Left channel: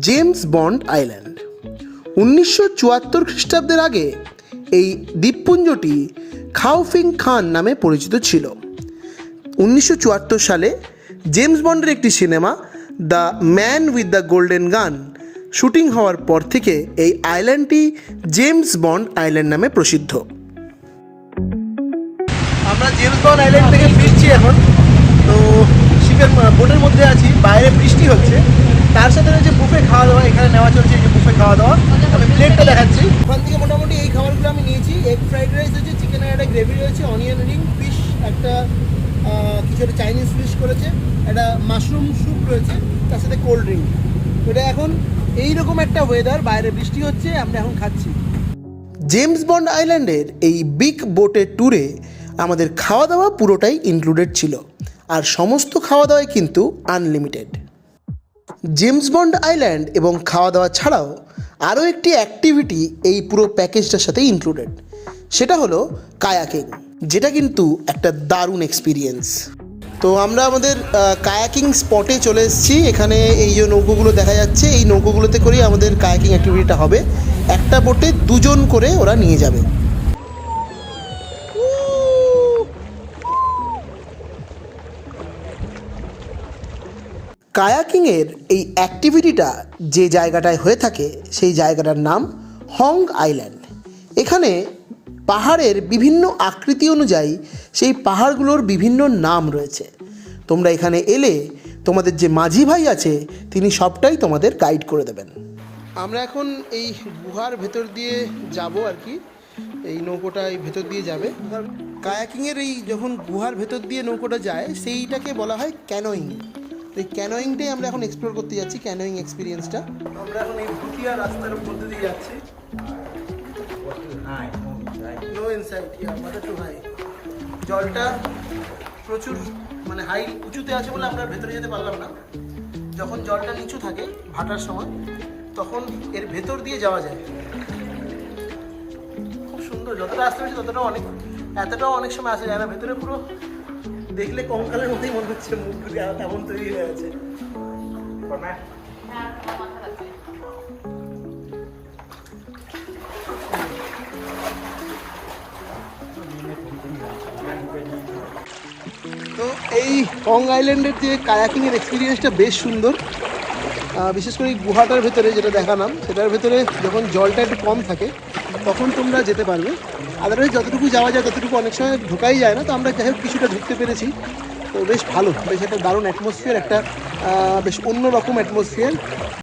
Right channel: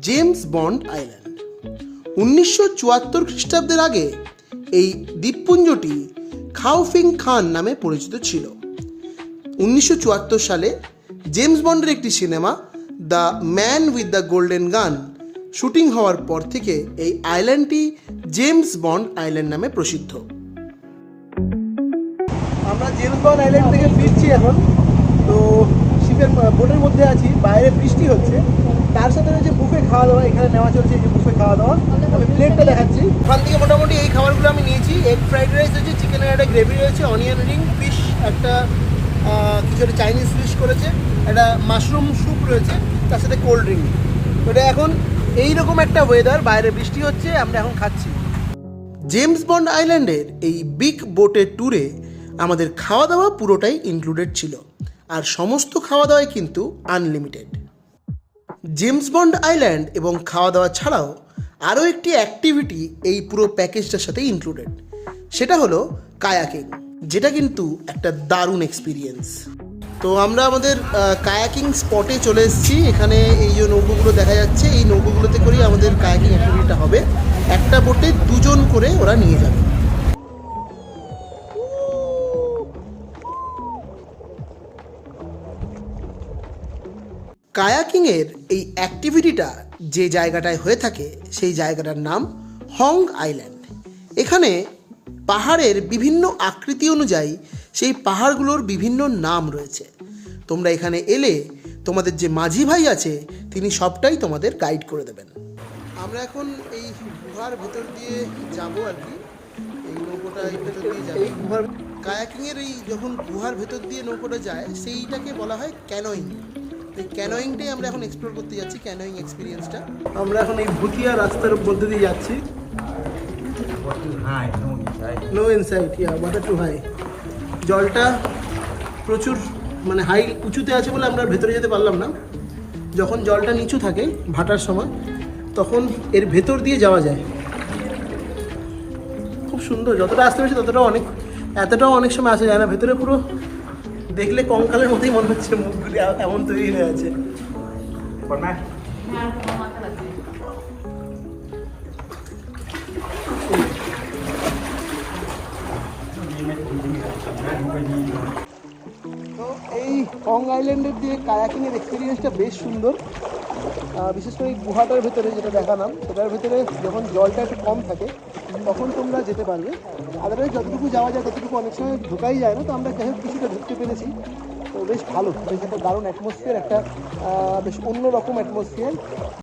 James bond island. 1974 খ্রিস্টাব্দের আগে এই দ্বীপপুঞ্জটি খাওফিং খান নামে পরিচিত ছিল। 1974 সালে জেমস বন্ডের একটি cinema the man with the golden গান শুটিং হওয়ার পর থেকে এই আইল্যান্ডটি জেমস বন্ড আইল্যান্ড নামে প্রসিদ্ধ। আমরা জেমস বন্ড আইল্যান্ড থেকে ফিরছি এখন। তো শিপের বোটের মধ্যে আছি, বাইরে বৃষ্টি হচ্ছে, তার সাথে যে বুফে খাওয়া দাওয়া এখানে নেওয়া চলছে। এই যে বুফে খাওয়া দাওয়া, আমি প্লেটটা দেখাচ্ছি। ওখান থেকে মোটামুটি এই খাবারগুলো আমি নিয়েছি। এগ ফ্রাইড রাইস রয়েছে, চিকেনের একটা গ্রেভি রয়েছে, অনিয়ন রিং, ফিশ একটা কিছু একটা চাইনিজ ফিশ করেছে, একটা মাশরুম স্যুপ রয়েছে, তার সাথে কোল্ড ড্রিঙ্ক। ওটা এখন এইরকম একটা ওয়েদার, বাইরে বৃষ্টি হচ্ছে, আমরা এখন খাচ্ছি। জেমস বন্ড আইল্যান্ডের এই বিগ বোটের ট্যুরে আমাদের খাওয়া দাওয়া পুরোটাই ইনক্লুডেড ছিল, আর সমস্ত খাওয়া দাওয়াই কিন্তু আনলিমিটেড। জেমস বন্ড আইল্যান্ড এবং খাওয়া দাওয়া ছাড়াও আরও একটি অ্যাক্টিভিটি এই পুরো প্যাকেজটার সাথে ইনক্লুডেড, সেটা হলো কায়াকিং, যেটা কিন্তু একটা দারুণ এক্সপিরিয়েন্স। তো আমরা আমাদের কায়াকিং স্পটে চলে এসেছি। এখানে এই যে নৌকোগুলো দেখা যাচ্ছে, এই নৌকোগুলোতে করেই আমাদের কায়াকিং অ্যাক্টিভিটিটা হবে। একটা বোটে দুজন করে ওরা নিয়ে যাবে। কায়াকিংয়ের এই অ্যাক্টিভিটিটা যে জায়গাটায় হয়ে থাকে সেই জায়গাটার নাম হং আইল্যান্ড। এখানে পাহাড়ের বিভিন্ন আকৃতি অনুযায়ী সেই পাহাড়গুলোর বিভিন্ন নাম রয়েছে। তোমরা এখানে এলে তোমাদের যে মাঝি ভাই আছে তিনি সবটাই তোমাদের গাইড করে দেবেন। আমরা এখন এই গুহার ভেতর দিয়ে যাব আর কি। এই নৌকোটা এই ভেতর দিয়ে যাবে। কায়াকিংয়ের এই যখন গুহার ভেতর দিয়ে নৌকোটা যায় সেইটাকে বলা হয় ক্যানোয়িং। এই ক্যানোয়িংটাই আমরা এখন এক্সপ্লোর করতে যাচ্ছি, ক্যানোয়িং এক্সপিরিয়েন্সটা। আমরা এখন এই ভুটিয়া রাস্তার মধ্যে দিয়ে যাচ্ছি। No insight, water too high. জলটা প্রচুর মানে হাই উঁচুতে আছে বলে আমরা ভেতরে যেতে পারলাম না। যখন জলটা নিচু থাকে ভাটার সময় তখন এর ভেতর দিয়ে যাওয়া যায়। খুব সুন্দর, যতটা আসতে পেরেছি ততটাও অনেক, এতটাও অনেক সময় আসা যায় না। ভেতরে পুরো দেখলে কঙ্কালের মধ্যেই মনে হচ্ছে, মুখগুলি এমন তৈরি হয়ে আছে। তো এই হং আইল্যান্ডের যে কায়াকিংয়ের এক্সপিরিয়েন্সটা বেশ সুন্দর। বিশেষ করে এই গুহাটার ভেতরে যেটা দেখালাম সেটার ভেতরে যখন জলটা একটু কম থাকে তখন তোমরা যেতে পারবে। আদারওয়াইজ যতটুকু যাওয়া যায় ততটুকু অনেক সময় ঢোকাই যায় না। তো আমরা যাই হোক কিছুটা ঢুকতে পেরেছি। তো বেশ ভালো, বেশ একটা দারুণ অ্যাটমসফিয়ার, একটা বেশ অন্যরকম অ্যাটমসফিয়ার।